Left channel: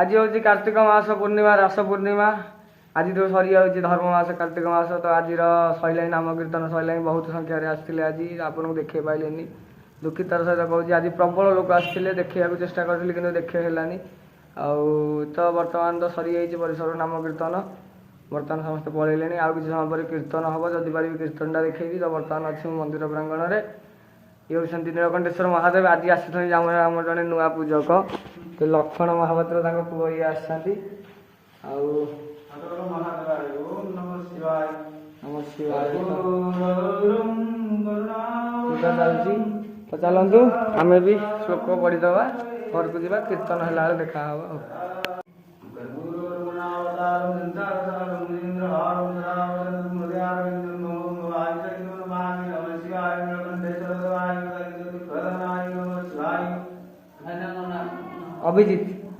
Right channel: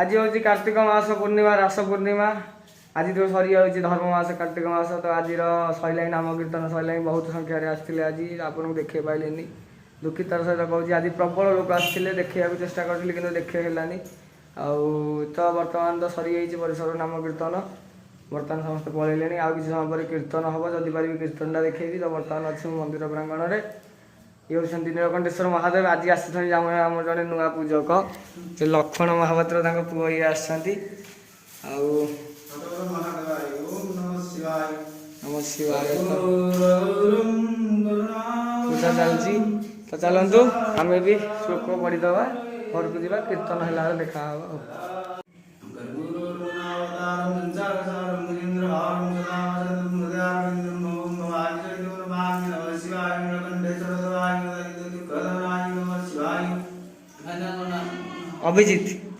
आज हूँ कार्तिक मास पूर्णिमा रास पूर्णिमा आज तो सरी जाऊँगी धर्म मास कार्तिक मास तो आज सैला नाम कीर्तन सैला बहुत संख्यार आसते आज आपको देखे पाइले दुखितर सहित कहूँ आज प्रबल लोक आसते देखा चेष्टा करी कि देखे हेलानी तो बर्तमान तो सरी जाइए परिसर नाम कीर्तन बर्तमान समस्त पलैले आउ कि समय पर कीर्तन हम जदि पारि कीर्तनटा देखी तो बर्तमान अच्छे मंदिर प्रांगण में ये हूँ नीलकंठेश्वर महादेव आज आसी आम जड़े नुआ पूजक से लक्ष्मण महापात्र पुओ ये आसती नम शिवाय पूजा चलती तो चलतु आम भी श्लोक पढ़ीद घर को जा कीर्तन है देखा अभिजीत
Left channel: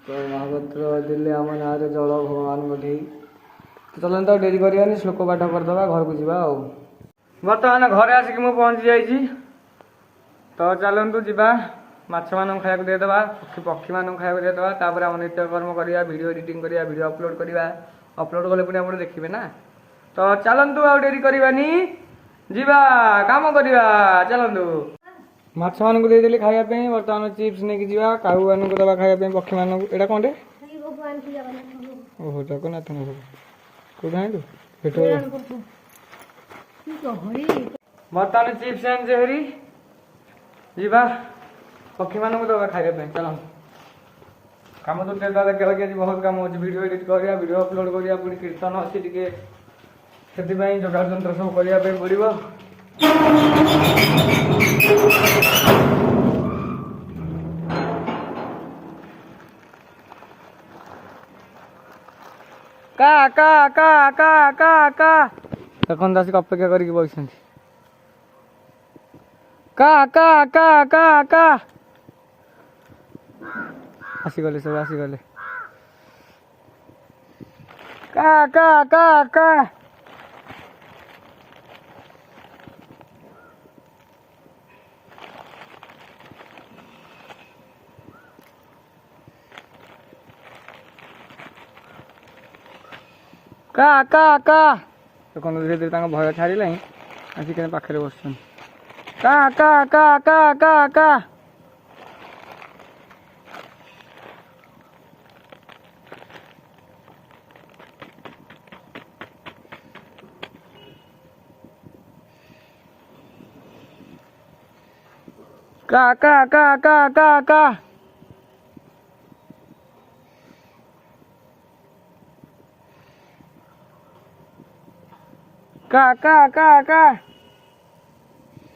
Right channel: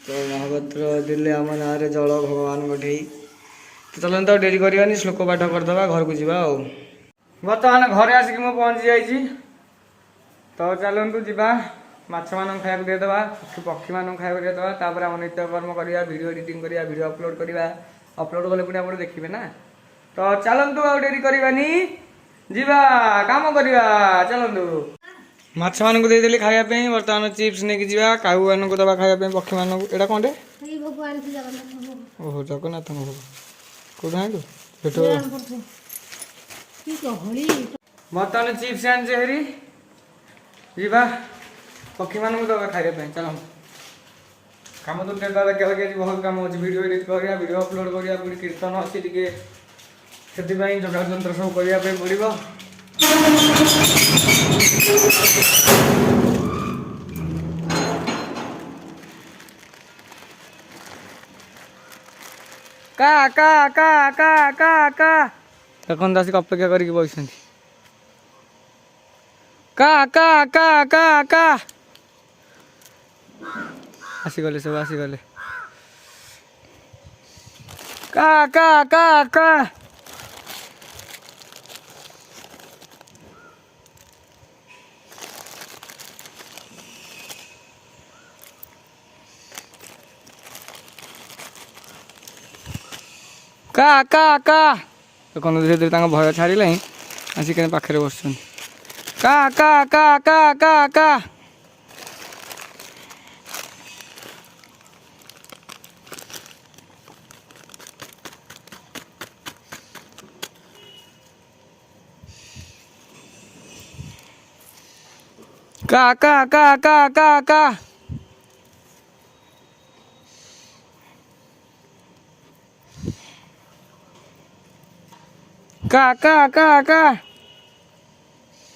तो महापात्र दिल्ली आम ना जल भगवान गठे तो चलते तो डेरी करवानी श्लोक पाठ करदे घर को जा बर्तमान घरे आसिक मु पहुँची जाइए तो चलतु जा माछ मान खाया देदेबा पक्षी मान खाया देदेबा तापर आम नित्यकर्म करवा वीडियो एडिटिंग करवा वीडियो अपलोड करवा अपलोड कले पुणी आप देखिए ना तो चलतु आ डेरी करवानी जीवा काम करवा चलतु माछ मान को देदेली खायापी बर्तमान चिप्स नहीं जा काऊ मान को दबा खायापी पक्षी मान एटा कौन ओहो जगन्नाथ भोग कौट आइलु बर्तमान चिप्स आनी हेरी जीवा पक्षी मान को दबा खायापी चल कम तो देखा बहुत कम अच्छे वीडियो एडिट करा वीडियो अपलोड करा पुणी कीर्तन अच्छी टे से जोगा जंत्र सब करने पड़ो का का का का का का देखते आसिक अपेक्षा करके बस का का का का का आसीगले सब आसीगले का का का का का का का देखो धीरे धीरे भय छाड़े आसिक पाखे बस का का का का का का का का का का का का का का का का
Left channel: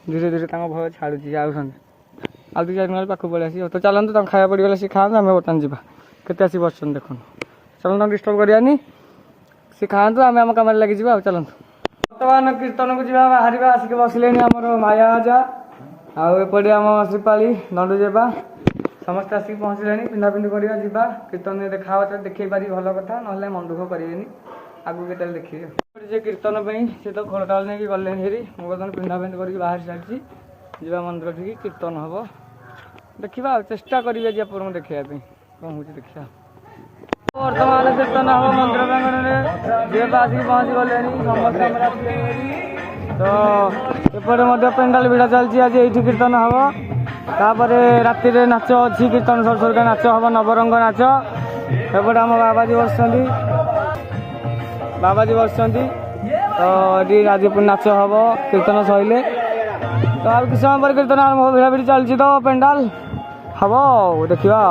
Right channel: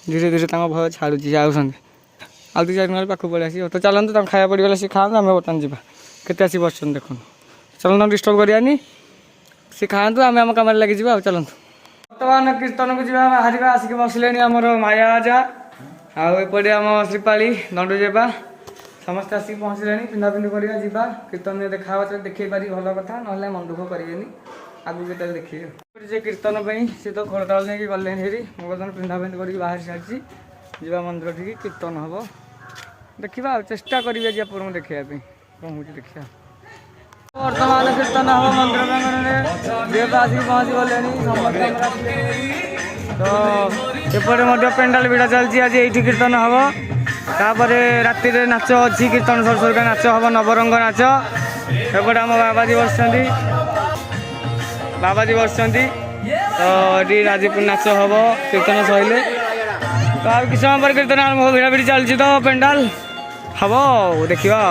धीरे धीरे भय छाड़ुची आउ दी चार पाख पड़े आस तो चलते खाया पड़गला सी खाते आम बर्तमान जा के बस देख चलना डिस्टर्ब करानी सी खातु आम आम कम लगे चलते बर्तमान कीर्तन को जा बाहर आसिक बसले आमर माया आजा आउपटे आम श्रीपाली दंडुजेबा समस्त आसिक पहुँचले पिंधापिंधि करवा जा कीर्तन देखा देखे पारि भल कथा ना मन दुख करेनि आगू के देखिए जे कीर्तन सी तो खोलताल नहीं गले हेरी मुझे बर्तमान पिंधापिंधि करके बाहर सारी जा मंदिर ठीक कीर्तन हम देखा चेष्टा करें आप देखापी कौन हो देखा बर्तमान कीर्तन हम मंदिर प्रांगण में जेब आसिक पहुँची गले समस्त तो एपटे पेंडाल भिड़ा चलती आज ये कीर्तन हम तापर राति नाच अच्छी कीर्तन सर सरका नाच हम नवरंग नाच एपटे आम बाबाजी बस तो ये राजपुर नाच हम कीर्तन सैले तो आ कि समय पर कीर्तन आरंभ भिड़ा भिड़ी चलती तो पेंडाल हम देखा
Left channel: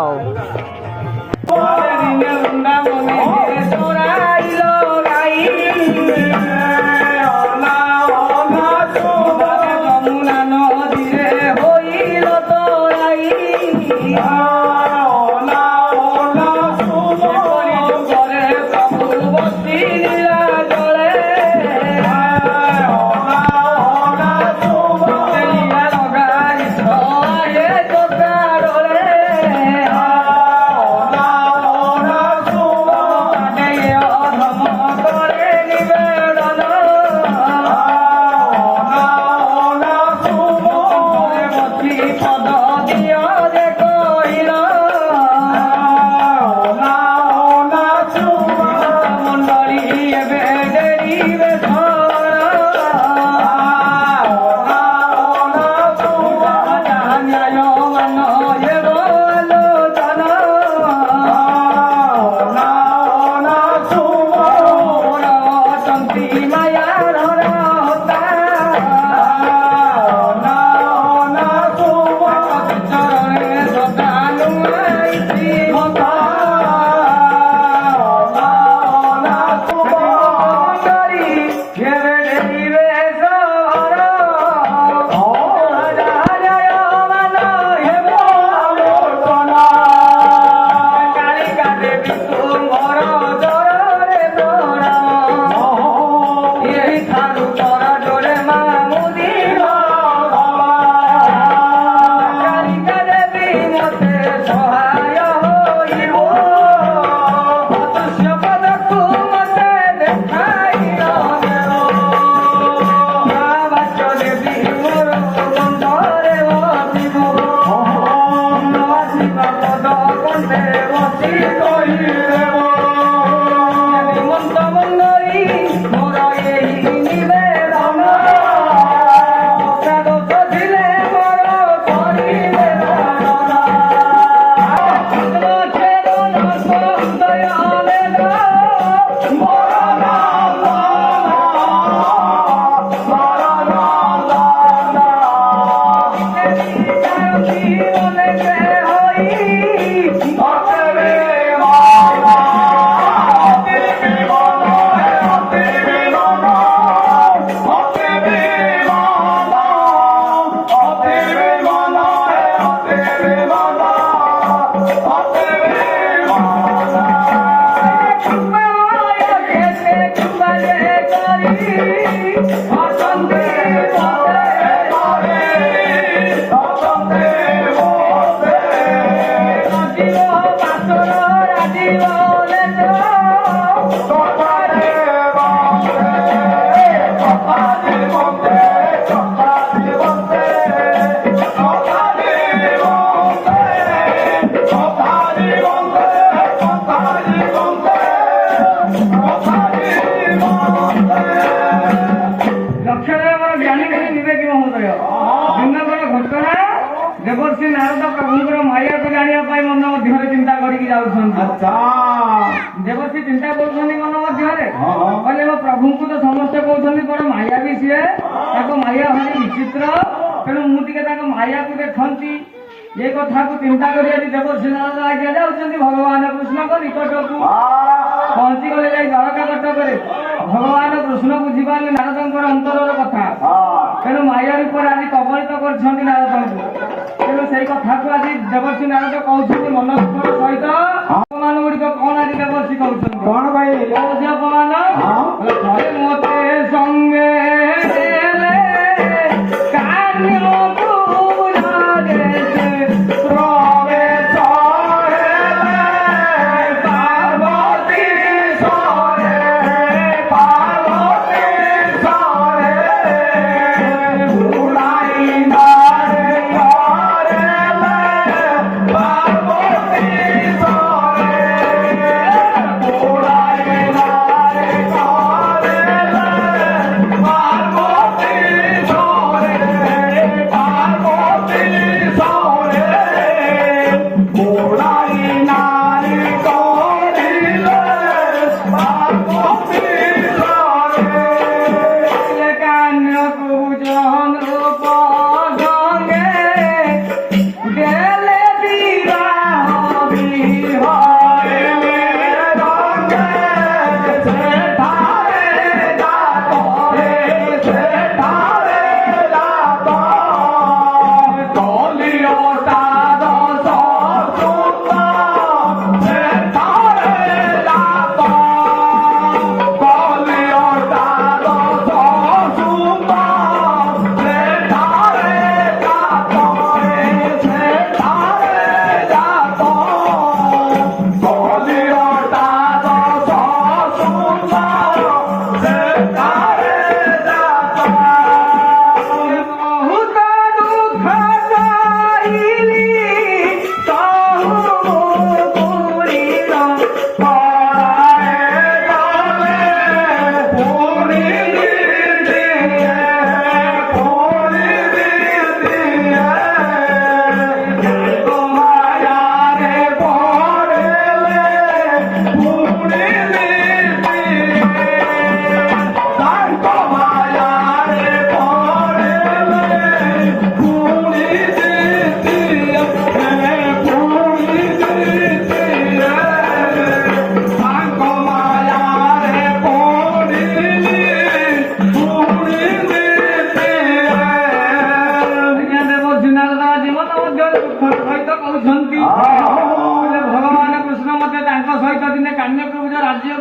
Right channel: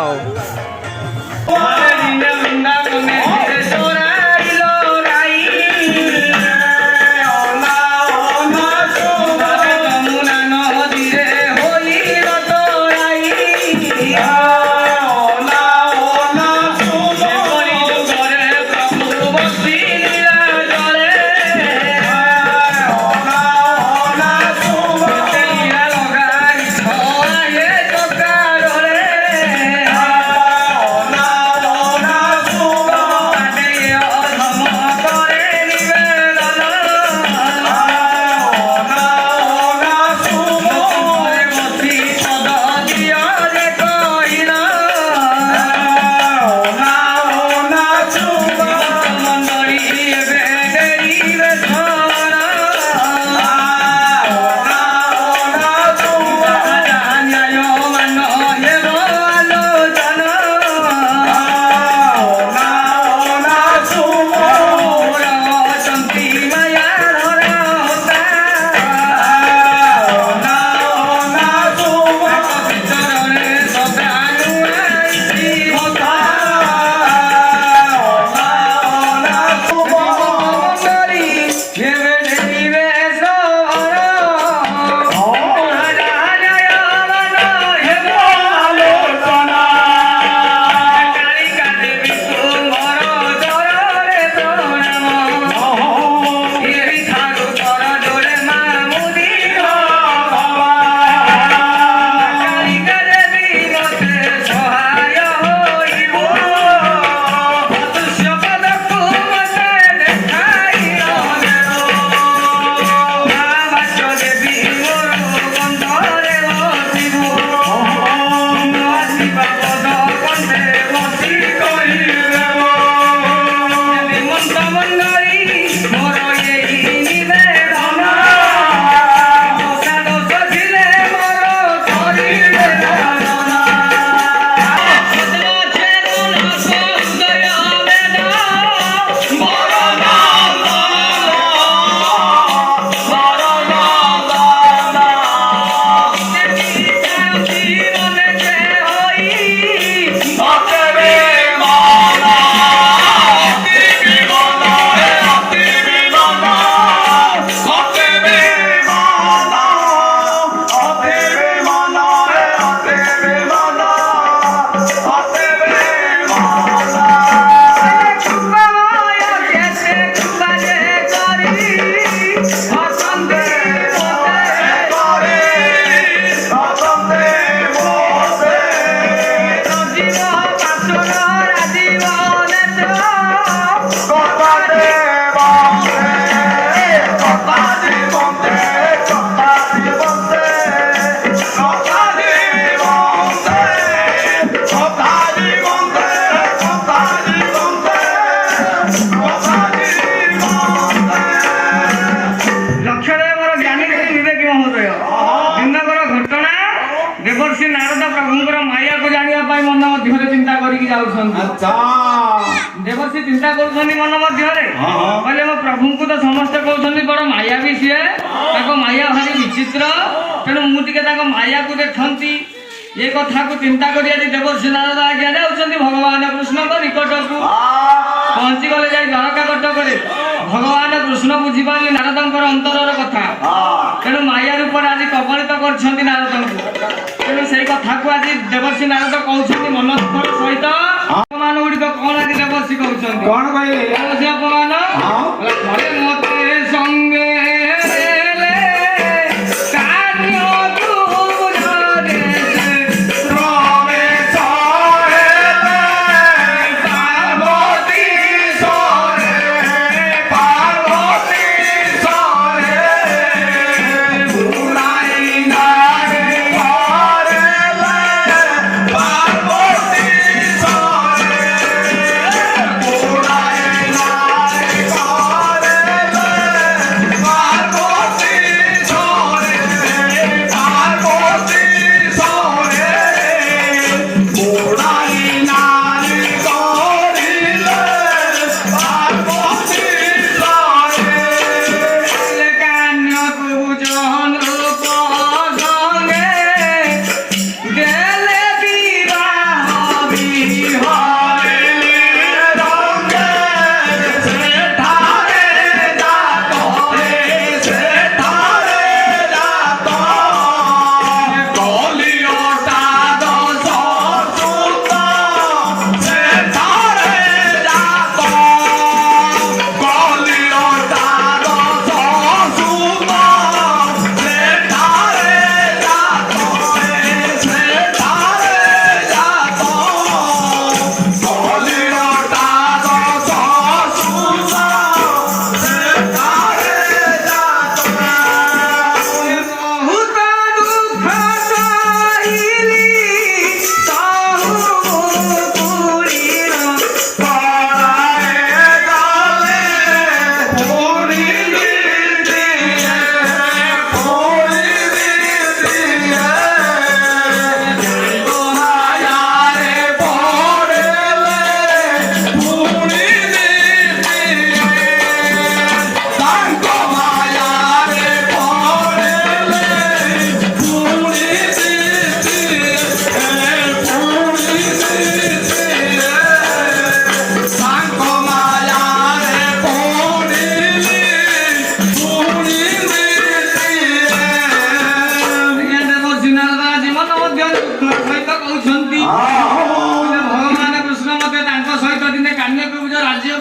ଘଟଣା ଦେବର୍ଷି ନାରଦ ପ୍ରଭୁଙ୍କର ମାୟାକୁ ଜାଣିବା ପାଇଁ ମନ ମଧ୍ୟରେ ଚିନ୍ତା କରିକି ଯାଉଛନ୍ତି। ଦେବର୍ଷି ଚିନ୍ତା କରୁଛନ୍ତି ମନ ମଧ୍ୟରେ, କହିଲେ ମୋ ପ୍ରଭୁଙ୍କୁ ତ ସମସ୍ତେ କହୁଛନ୍ତି ବଡ଼ ମାୟା ବି ସିଏ, ତାଙ୍କ ମାୟା ଭାରି ବିଚିତ୍ର, ତେଣୁ ମୁଁ ଟିକେ ତାଙ୍କ ମାୟାକୁ ଦେଖନ୍ତି। ଏ କଥାକୁ ଚିନ୍ତା କରି ଆଜି ଦେବର୍ଷି ନାରଦ ଆଜ୍ଞା ଯାଉଛନ୍ତି ଭଗବାନ କୃଷ୍ଣଙ୍କ ନିକଟକୁ। ପହଞ୍ଚିଗଲେ ଯାଇ ଦ୍ୱାରକା କଟକରେ ଭଗବାନ କୃଷ୍ଣ ବୁଝିପାରିଲେ ନାରଦଙ୍କର ଅନ୍ତରର କଥା, ତେଣୁ ମାୟା ରୂପରେ ଆଜି କବଳିତ କରିଛନ୍ତି ନାରଦଙ୍କୁ। ତେଣୁ ସେଇ କଥାକୁ ଆଜି ଦେବର୍ଷି ନାରଦ କହୁଛନ୍ତି ମନ ଦୁଃଖର ସହିତ। ଅପମାନ ଗୁଡ଼ିକ କଣ ଆଜି ଦେବର୍ଷି କହୁଛନ୍ତି? କଣ କହିଲେ ଦେବର୍ଷି ଅପମାନ? ଥରେ ମତେ ସଙ୍ଗେ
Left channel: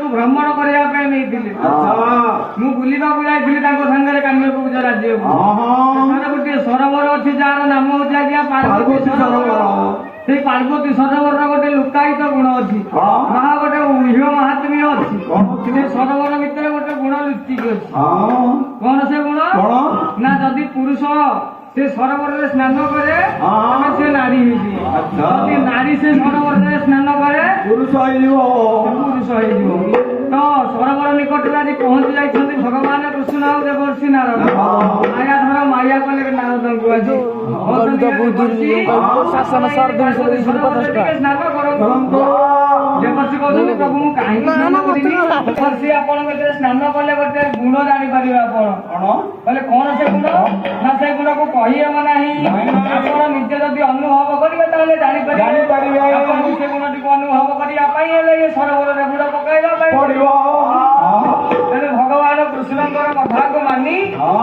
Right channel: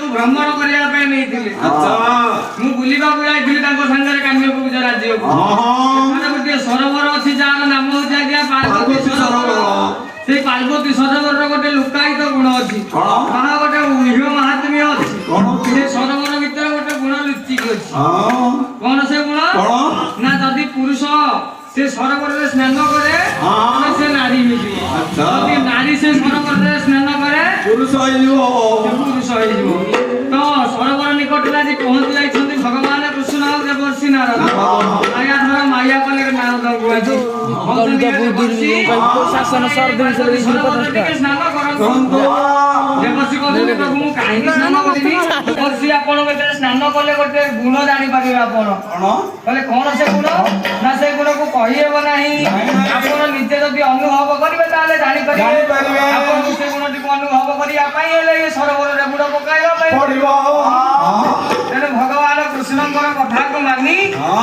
भ्रमण करने नहीं बुलवाक जाइली सागर कान्यकुब्ज राज्य गोटे सरोवर अच्छी जार नाम हूँ आज्ञा पार्वती सरोवर। से पार्वती सरोवर गोटे लुकायित गुण अच्छी गोटे ऊह्य महात्म्य अच्छी। से सरोवर भितर गोटे गुण लुचिक अच्छी। कौन से गुण ना जदि पुरुष से सरोवर में स्नान करे से नारी हो नारी से सरोवर में स्नान करे पुरुष हो तो सरोवर निकट आज पहुंची जाइछन्ति भगवान कृष्ण और देवर्षि नारद माया धर माया कले नारद को आज शासन स्नान करंतु देवर्षि कहते प्रभु काहे स्नान करिबी देवर्षि आपण में स्नान कले गोटे गुण जानि पारिबे आपण कहले कोन से गुण ना से गुण को कहि हेबो नाही आपण निजे जदि अनुभव करिवे ताले जानि पारिबे आपण से गुण टी अनुभव करिया पई हेले ये सरोवर रे बुड़ पकाइबा पई तेरे भगवान कृष्णଙ୍କର କଥାକୁ ମାନି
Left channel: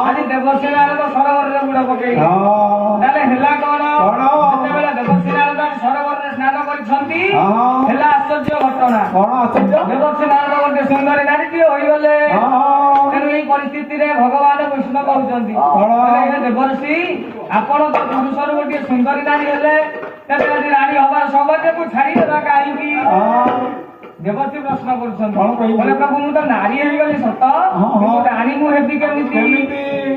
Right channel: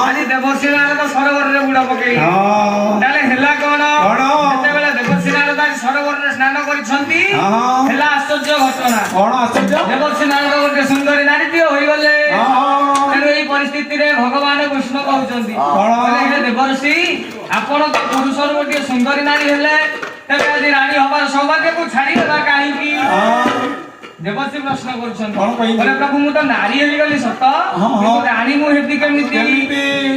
ଆଜି ଦେବର୍ଷି ନାରଦ ସରୋବରରେ ବୁଡ଼ ପକେଇଲେ। ତାହେଲେ ହେଲା କଣ ଯେତେବେଳେ ଦେବର୍ଷି ନାରଦ ଆଜି ସରୋବରରେ ସ୍ନାନ କରିଛନ୍ତି ହେଲା ଆଶ୍ଚର୍ଯ୍ୟ ଘଟଣା। କଣ ଆଶ୍ଚର୍ଯ୍ୟ? ଦେବର୍ଷି ନାରଦ ଗୋଟେ ସୁନ୍ଦରୀ ନାରୀଟିଏ ହୋଇଗଲେ। ତେଣୁ ଏହି ପରିସ୍ଥିତିରେ ଭଗବାନ କୃଷ୍ଣ କହୁଛନ୍ତି କହିଲେ ଦେବର୍ଷି ଆପଣ ତ ପୁରୁଷରୁ ଗୋଟିଏ ସୁନ୍ଦରୀ ନାରୀ ହେଲେ ତେବେ ଆଜି ରାଣୀ ହବାର ସୌଭାଗ୍ୟକୁ ଛାଡ଼ିଦେବା କାହିଁକି? देवर्षि प्रश्न कर प्रभु मु तो नारी गली सत राणी मुझे केमी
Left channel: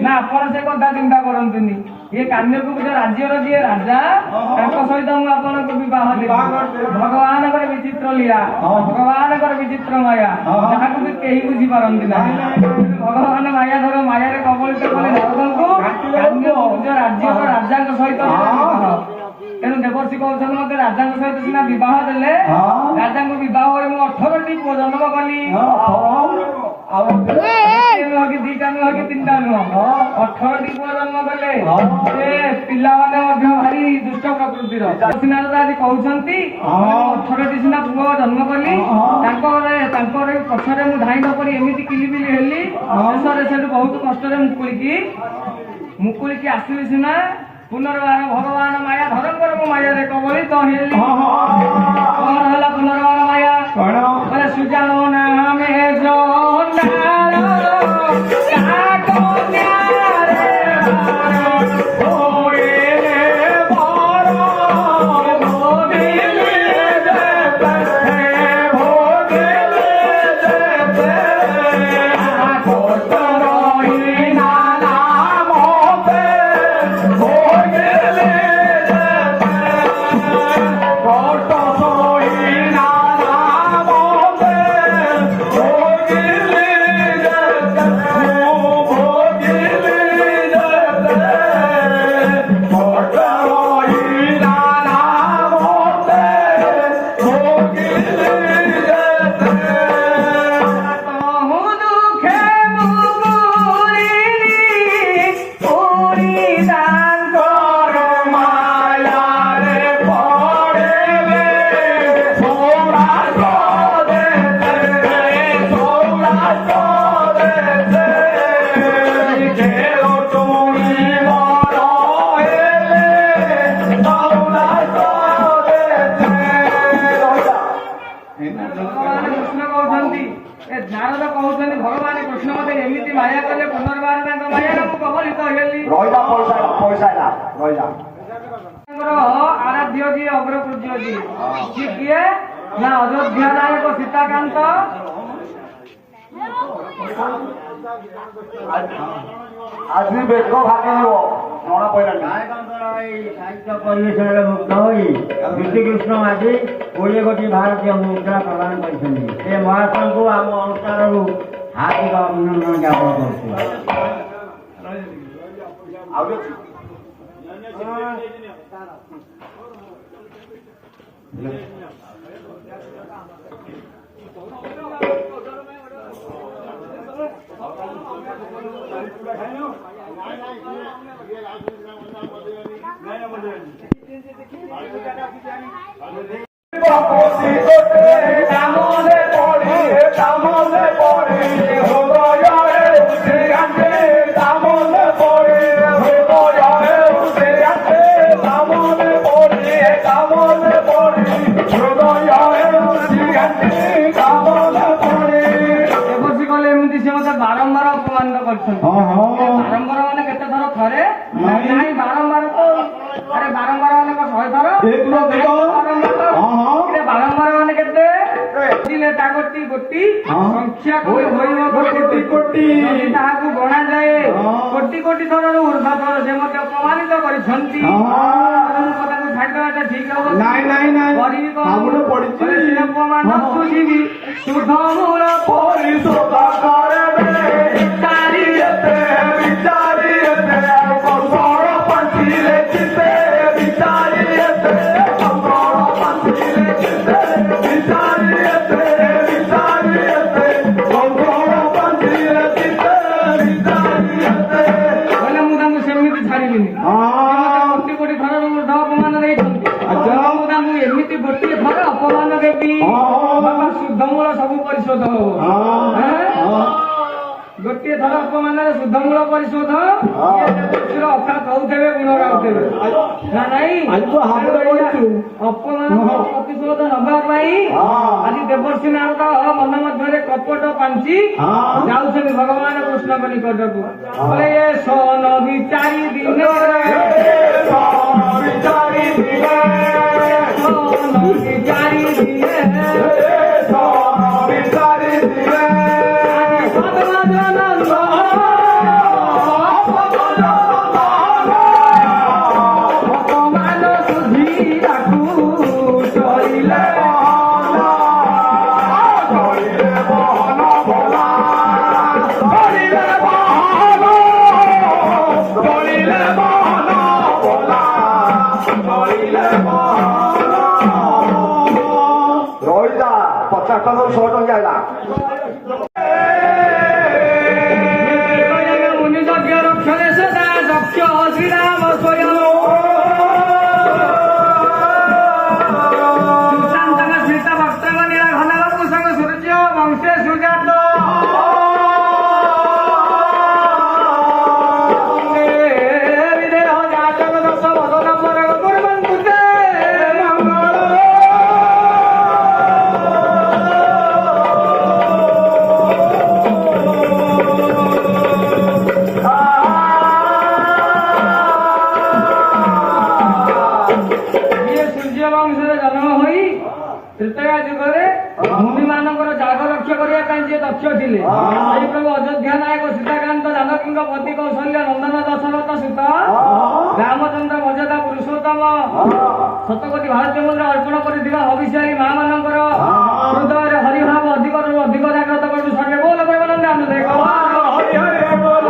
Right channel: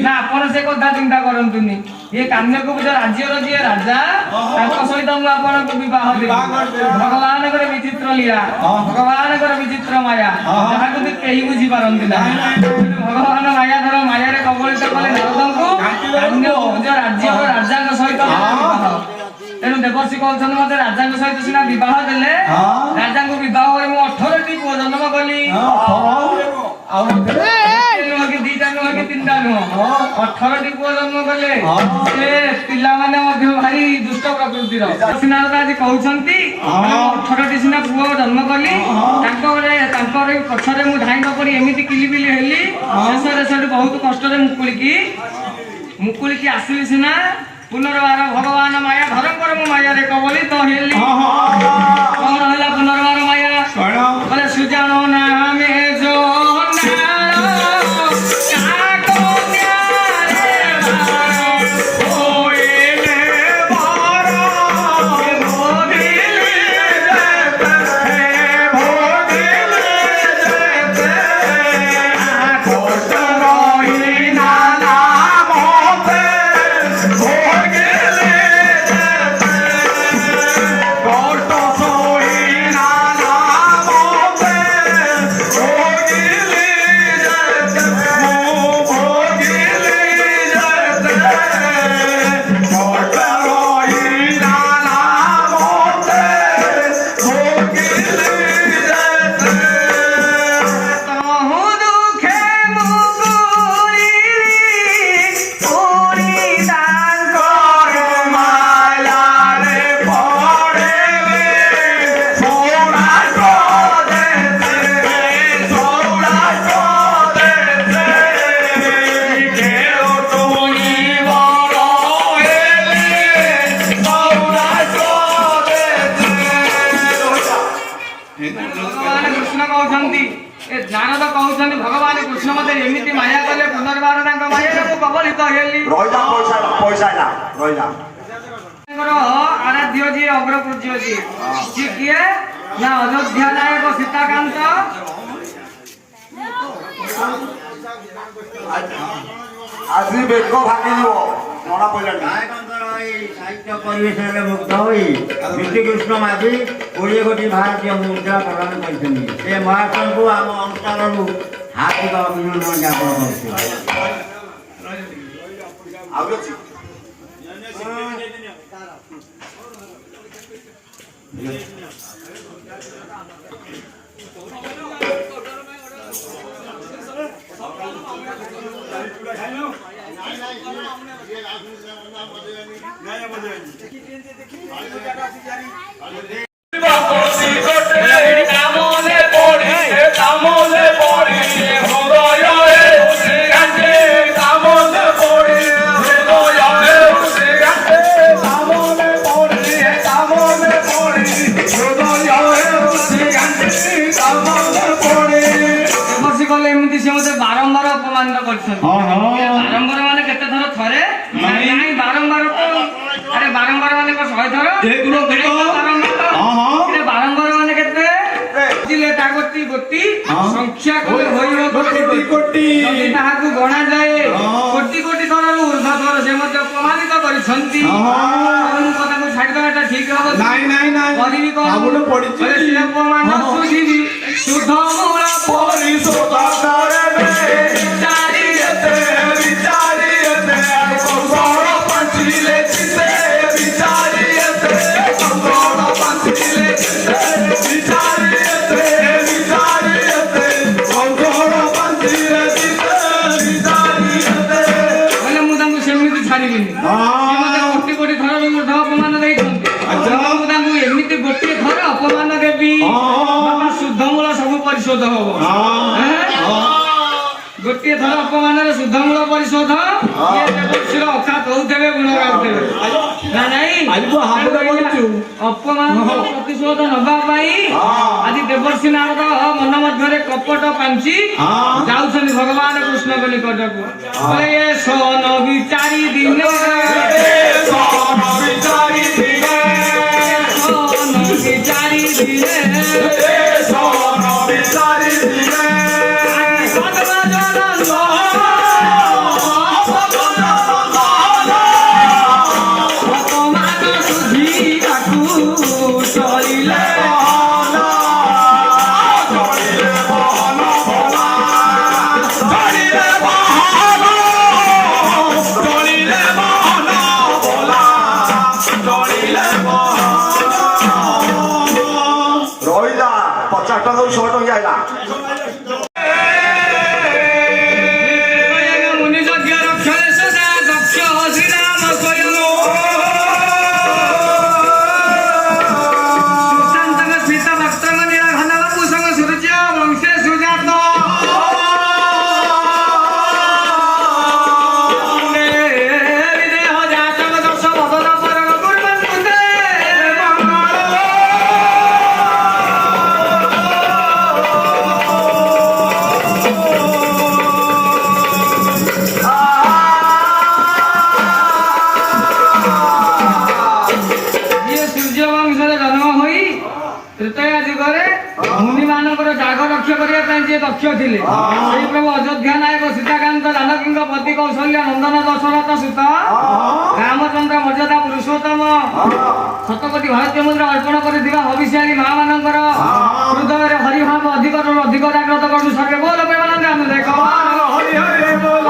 ना आप से कथा चिंता करतुनि ये कान्यकुब्ज राज्यर जी राजा सहित मुझे भगवान विचित्र लीला भगवान विचित्र माया जहाँ कहीं बुझी पारती ना भगवान माया धर माया कबलित कले नारद को कान्यकुब्ज राज्य राजा सहित देवर्षि कहउछन मते राजा सहित सिना विवाह देले राजा को विवाह करे मु 18 टी पुओ जन्म कली कि दीटा नुह कि तीनटा नुह 18 टी पुओ जन्म कले से पिला माने मध्य भारी दुष्ट प्रकृतिर सिना आज कहउछंती 18 टी सिना पुओ जन्म कली तांकर पछरे मु धाई पड़ी एमिति किलिबिली हेली शेषरे सेठ बहुत कष्ट रे मुकुलिकी आसिली सिना पुनर्बार भगवान माया धरम मु माया रे कबली तो हेली कौन होला पुनर्बार माया बोले सुजानो नाम जो नारद कहउछन भगवान कृष्ण मते एमिति माया कले पुनर्बार तांका माया को कबलित हेली रोइला पैसा ना रोइला आराध्य जी अग्रपूज्य जी जी किए ना अयोध्या नायक सीताकांत आज बेक भागी जीव नड़ा पइला नायकंकर साहित्य परिवेश मुक्त होई विष्णुकृष्ण माझी कोड़े कोटी भारतीय मुद्रा प्रदान कर महाराष्ट्र को आम अनुष्ठान हार्दिक अभिनंदन ज्ञापन बारंबार अपमान बारंबार माने केते थर थरे नहीं बारंबार अरे बारंबार माने को 100 थर बारंबार माने केते दिले तागती गोटी संख्या को होइबो कोटी कोटी यदि ताहाकु गणा जाए कोटी कोटी थर ऊर्ध्व थर से मते अपमानित करिसंती हम कथा को छाड़ देवाटा ठीक हबो नहीं करिबी को आबुड पड़ी से अपमान सुजीबी सुध मूल परिशोध करे अपमान देवी शुद्ध मूल सब परिशोध गोटे थर अपमान शुद्ध मूल परिशोध अर्थात होते गुण गाते ना नहीं अपमान प्रतिशोध नवाई आज देवर्षि नारद मन मध्य कपट पांची जाऊँ भगवान कृष्ण को निकट को ये सन विचारी दिन ଟଙ୍କା ଶହେ ଟଙ୍କା ଆଇଲା ମୁନି ଯଜ୍ଞ ରକ୍ଷରେ ସଦା ଦକ୍ଷ ଶ୍ରୀରାମ ସ୍ୱୟଂ ସୁଶାନ୍ତଙ୍କ ସ୍ମିତ ଭକ୍ତଙ୍କ ନୀଳା ଘନ ବାବୁ ସଙ୍ଗ ସୂର୍ଯ୍ୟ ବଂଶେ ସୁଜାତ ବିଦେହ ଜାତକ ଦଶ ଭଗତ ପରଗ କୁର୍ମନ୍ତୁ ତେ ମଙ୍ଗଳ ତ୍ରେତୟା ଯୁଗରେ ମୁନି ମାନଙ୍କର ଜାଗ ରକ୍ଷା କରିବା ପାଇଁ ଯିଏ ଦକ୍ଷ ଥିଲେ ସେଇ ପ୍ରଭୁ ଅଯୋଧ୍ୟା ନାୟକ ସୀତାକାନ୍ତ ଜାନକୀଙ୍କ ପତି କୌଶଲ୍ୟ ନନ୍ଦନ ଦଶରଥ ସୁତ ରାମଚନ୍ଦ୍ର ମର୍ଯ୍ୟାଦା ପୁରୁଷୋତ୍ତମ ଶତକୋଟି ଭାରତୀୟ ମୁଦ୍ରା ଅର୍ପଣ କରିଥିବା ହବିଷ୍ୟାଳୀ ମା ମାନଙ୍କର ହୃଦୟରେ ହରିଭାବ ଅଧିକରୁ ଅଧିକ ଜାଗ୍ରତ କରୁଛୁ ସର୍ବେ ବୋଲ ପ୍ରେମାନନ୍ଦ ଆମେ ଦେଖ ହରି ହରି ବୋଲ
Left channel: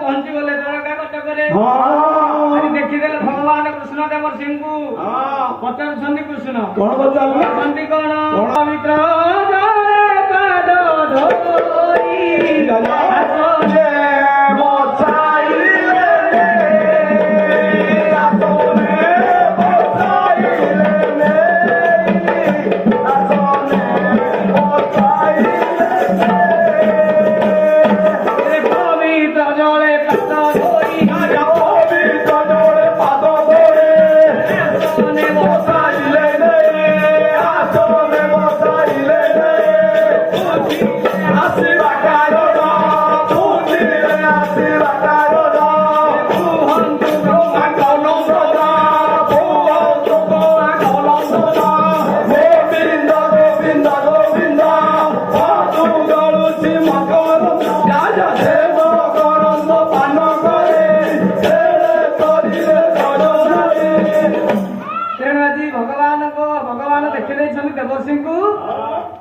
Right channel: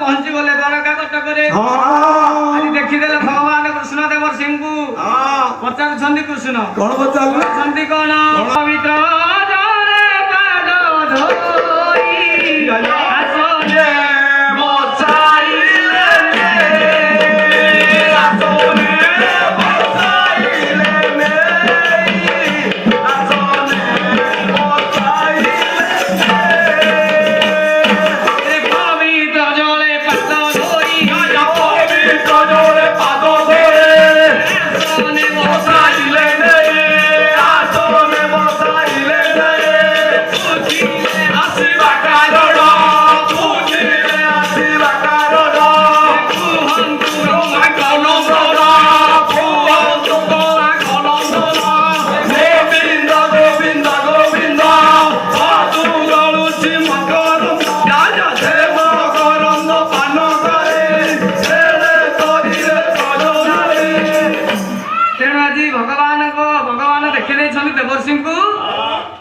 ପହଞ୍ଚିଗଲେ ଦ୍ୱାରକା କଟକରେ ଆଜି ଦେଖିଦେଲେ ଭଗବାନ କୃଷ୍ଣ ଦେବ ସିଂହଙ୍କୁ ପଚାରୁଛନ୍ତି କୃଷ୍ଣ କଣ ପଚାରୁଛନ୍ତି କଣ ପବିତ୍ର ଜଳେ ପାଦ ଧୋଇ ଆସନେ ବସାଇଲେ ଆସନେ ବସାଇଲେ ଆସନେ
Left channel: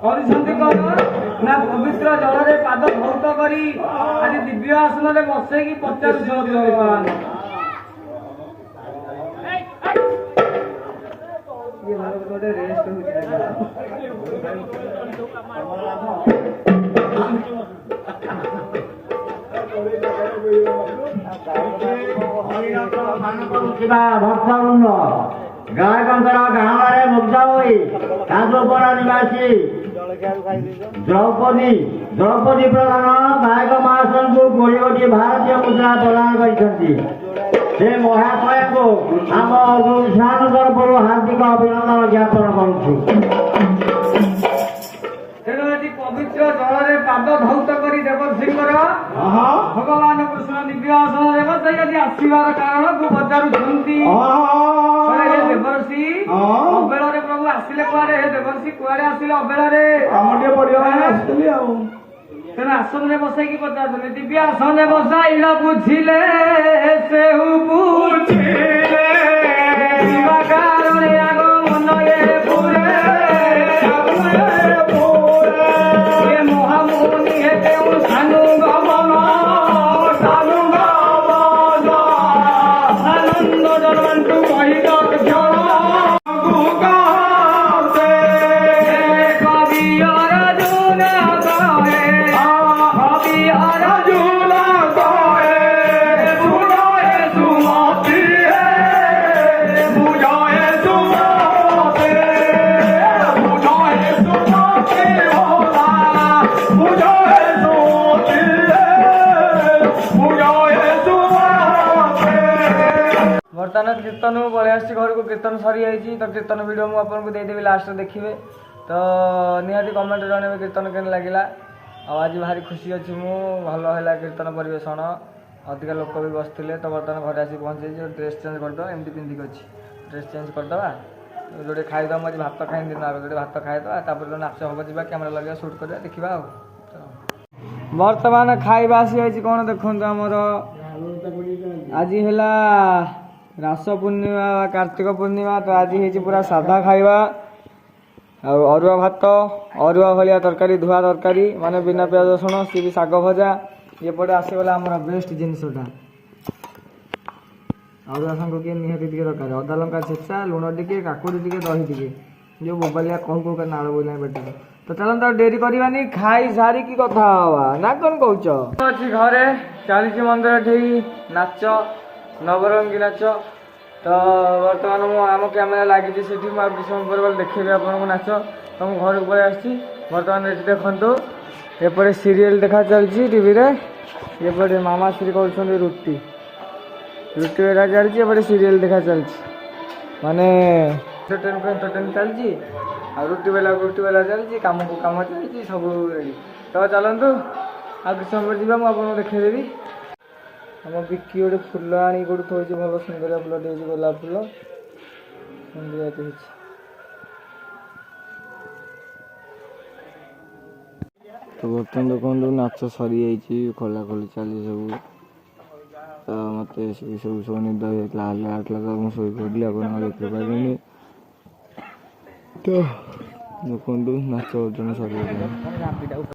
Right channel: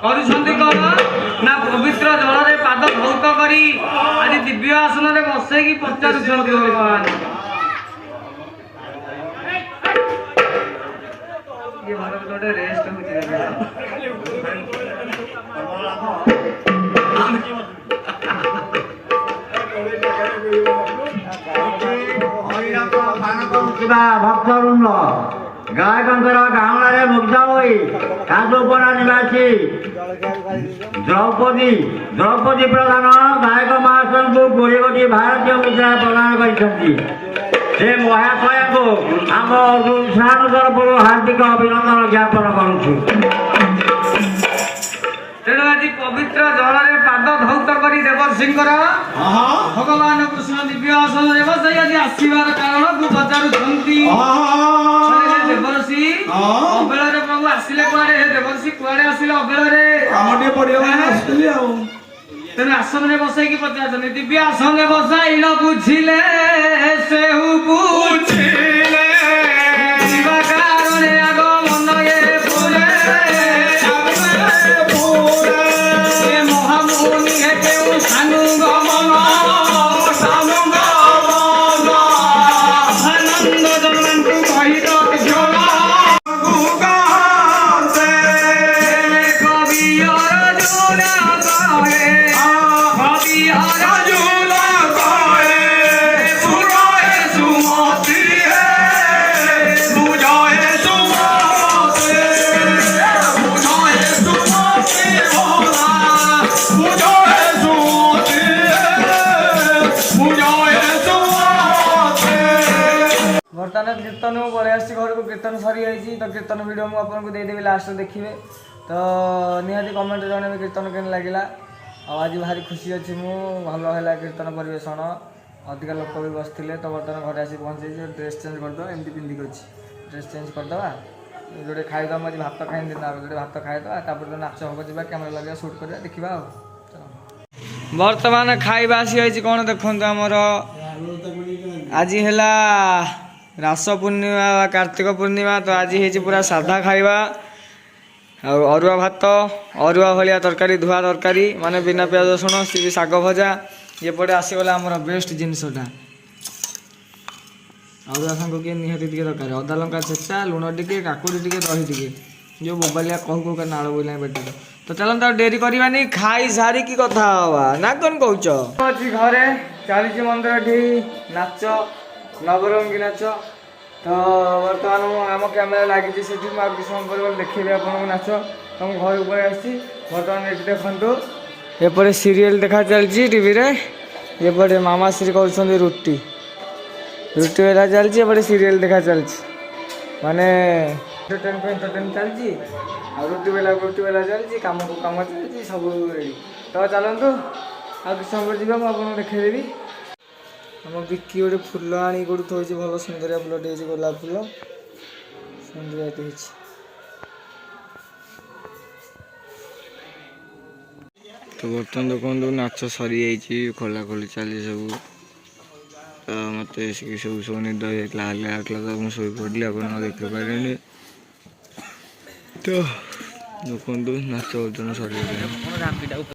କରୁଛନ୍ତି କଣ ନା ପବିତ୍ର ଜଳରେ ପାଦ ଧୌତ କରି ଆଜି ଦିବ୍ୟ ଆସନରେ ବସେଇକି ପଚାରୁଛନ୍ତି ଭଗବାନ ଗୋଟେ ରେଷ୍ଟ ଭକ୍ତବୃନ୍ଦ ଗାୟକଙ୍କର ଗାଁରେ ମୁଗ୍ଧ ହୋଇ କାନ୍ଦୁପଡ଼ା ନିବାସୀ ଦ୍ରୌପଦୀ ପ୍ରଧାନ ଗାୟକ ମହାଶୟଙ୍କୁ 20 କୋଟି ଭାରତୀୟ ମୁଦ୍ରା ପ୍ରଦାନ କରିଛନ୍ତି। ସେ ମହାଶୟଙ୍କୁ ଆମ ଅନୁଷ୍ଠାନ ତରଫରୁ ହାର୍ଦ୍ଦିକ ଅଭିନନ୍ଦନ ଜ୍ଞାପନ କରୁଛୁ। ତେଣୁ ଆଜି ପବିତ୍ର ଜଳରେ ପାଦ ଧୌତ କରି ଦେବର୍ଷିଙ୍କର ଭଗବାନ କୃଷ୍ଣ ଦିବ୍ୟ ଆସନରେ ବସାଇ ଆଜି ଆସିବାର କାରଣକୁ ପଚାରୁଛନ୍ତି। ଦେବର୍ଷି ଅବେଳରେ ପ୍ରଭୁ ଆସିଲେ କୁଆଡେ? ହେ ଦେବର୍ଷି କୁଆଡେ ଆସିଲେ ଅବେଳରେ? ତେଣୁ ଆସନରେ ବସେଇକି ପଚାରୁଛନ୍ତି। ଦିବ୍ୟ ଆସନରେ ବସାଇଲ ବୁଝିଲେ ସେହୁ ବୁଝିଲେ କାରଣେ ଆଗ ମନ ଏ ପୁରେ ମହାମୁନି ହେ କେଉଁ ସାନୁ ଗମନ ଆନନ୍ଦ ଜନନ୍ତୁ କହିଲ Arjuna Goe, Surae Sumati कीर्तन पलि आसी घर को कीर्तन सरी जाइए तो कीर्तन वीडियो मुझे आपको देदेवि लास्ट देखिए तो निहाती कमेंट जन कीर्तन के लगे आज भारी खुशी अच्छी भल है कीर्तन परिवेशन अधिका लोक भी बसते तो बर्तमान घर आसी पहुँचे ड्रेस चेंज करदे एमती पिंधिक अच्छी ड्रेस चेंज करदे जो खाईदा मुझे भात खाई दिन जो भात खाईदा तो नाच हम जा कैमेरा लगे शूट करवा देखा बर्तमान खाଇବା आसी कौन देखो आमर आज है रास पूर्णिमा कार्तिक पूर्णिमा तो आज है पूरा साधा खाଇବା अरुआ भात अरुआ भाया तरकारी धुआ तरकारी माने बिना प्याज रसुण सी भी शाग भजा एपटे आसगला आमर बेस्ट जिनसटा अरुआ सांग किए निहाती टे दरकार अदा लंका छेचा लुण टे काकुड़ी टे दही टे जो मोबाइल कहू कह नाड़ बोला बेटे तो चलते डेरी करवानी खाई सारी की कथा हवा ना कौन कौच अच्छी घरे चली मंदिर ठी नाच नवरंगी नाच तो बर्तमान आम कैमेरा लगी से किसी समय पर देखेबी आपको नाच तो मुझे घर पर आसी बर्तमान ये देखु एपटे सीरियल देखा चलती टीवी रे एपटे मामा श्री कर रुटी रुटी बेला चलती एपटे सीरियल देखा चलती माने एंटरटेन को एंटरटेन चलती आ रुटी बेला चलती कम को कम चलती सब रेडी तो चलतु आ किसी समय जी मुझे देखदेवी आम बिकी गोटे फुल आनी गोटे थोड़ी भल सुंदरिया फुलटे गोलाप फुल सुंदरियाटे तो बर्तमान देखो नाच सरी जाइए खोला खोली चली सब तो मत सब सब निद होता तो मुझे शो पड़ी आप देख पारे तो देखो नाच बर्तमान सरी